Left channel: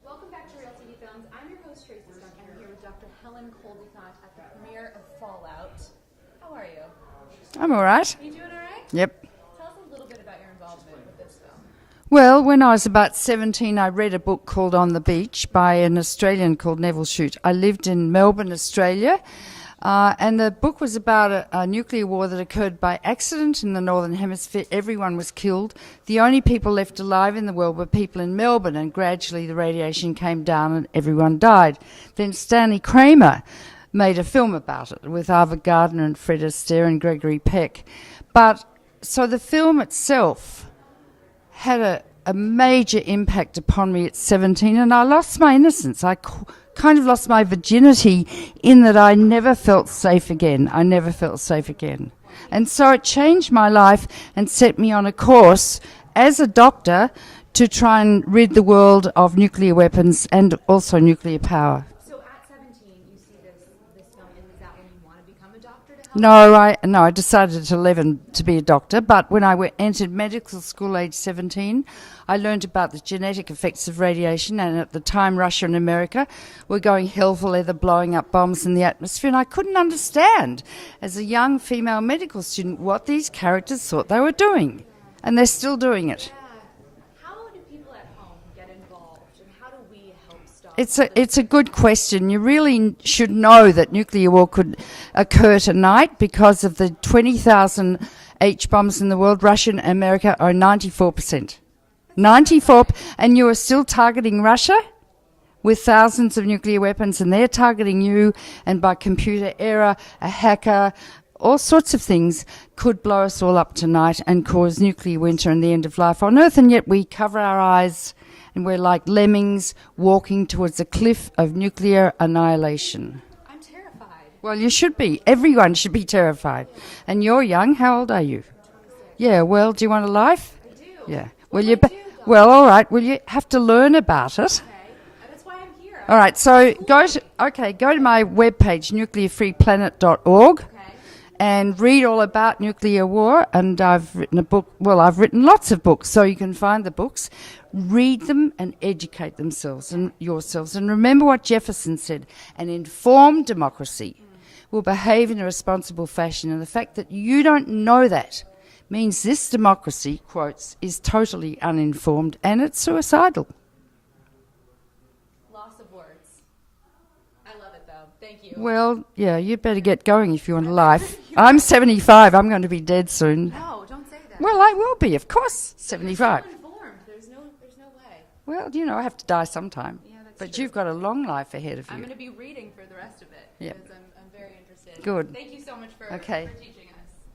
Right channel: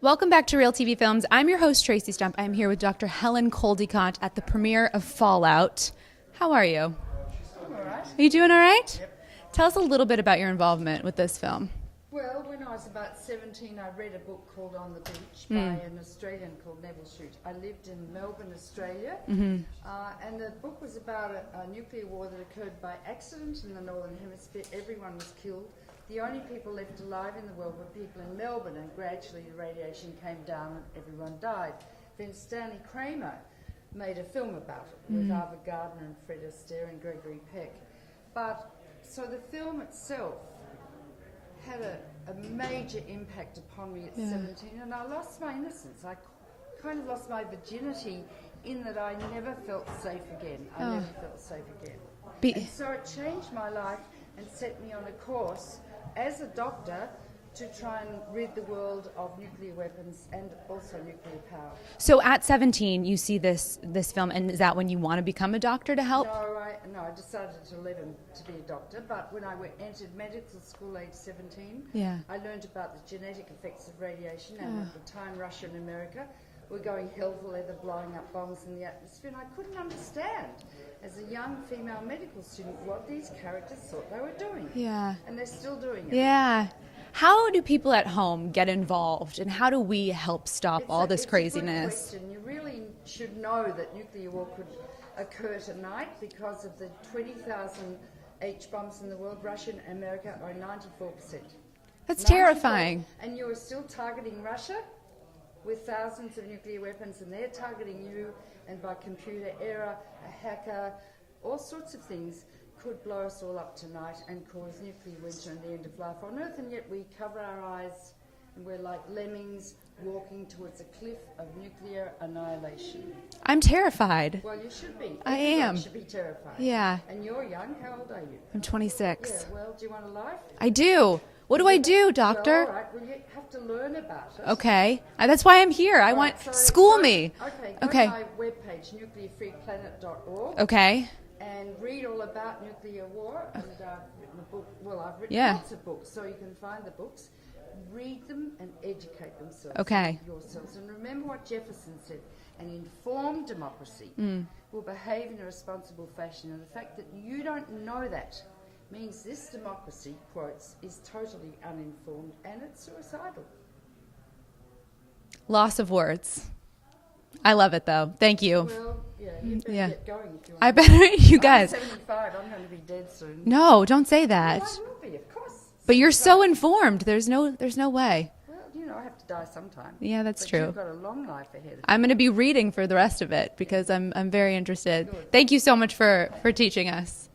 Welcome back to Real TV Films. I'm your host, Tracy Stump. I'm here with Dr. Helen Caldicott at the premiere of Fallout. How are you? I'm all right. Are you doing all right? Yep. Tell us a little bit about your involvement with this film. Well, when I was about 17, I read a book called On the Beach by an Australian called Neville Shute. I lived in Melbourne, Australia, and the book was about a nuclear war that occurred by accident in the Northern Hemisphere. Everyone was killed. The only people left alive in the world were people in Melbourne, and gradually the radiation came down and everyone died. Then Stanley Kramer made a film about it with Ava Gardner and Fred Astaire and Gregory Peck. So the film itself had a major impact upon me at 17, and I lost my innocence. I kind of lost my virginity in that I never felt safe again. I never felt safe again. And so it changed my life and set me on a course as a doctor to try and rid the world of nuclear weapons and also nuclear power. So at 17, you see this film, and is that when you want to become a doctor to help? No, I decided at 11 to be a doctor, but when I entered medical school age 17, I learned about the genetic effects of radiation, and at the time Russia and America were going hell for leather, blowing up bombs in the atmosphere, and I couldn't understand as a young female medical student what these characters thought they were doing. Yeah. And they're still doing it. Yeah. How do people at home get involved, and how do we help stop all this craziness? It's a good question. You really should know that nuclear war could occur tonight because of the 20,000 H bombs in the world. Russia and America are 94%. That's 94, terrifying. And you are still targeting Russia with thousands of nuclear weapons, and they're targeting you, and by computer error, a hacker, all sorts of things could blow us all up tonight and cause nuclear winter and the end of life on Earth, and yet we cover our eyes and we're like lemmings walking towards a cliff of nuclear annihilation. I'm terrified. Well, you should be. Everyone should be terrified. Yeah. And you're young. How old are you? I'm 26. Yeah, well, do you want a life? I do. Yeah. What Well, do I do, doctor? Well, all right. Well, you have to learn about it. Okay. That's why I'm here. All right, so school go me. to my webpage, nuclearfreeplanet.org. Okay. And read all about nuclear war. And I've written a book. Well, I've written lots of books, so you can find the books. Read them and educate themselves and yourselves. And remember what Jefferson said: an informed democracy will behave in a responsible fashion. And the fact that you don't know that means this democracy, quotes, is totally uninformed and it's suicidal. Loss of words. I love it, though. Thank you. Well, yeah, you better get going if you want I to better- live. you I'm guys- 75. I'm going to be dead soon. No, don't say that. Well, I will be, of course. But you're so 75. informed. There's no way. Well, I have to die sometime. Yeah, that's but true. You've got a long life ahead of you. I'm going to be reading for the rest of it because I'm very interested. Good. Thank you so much for Okay. teaching us.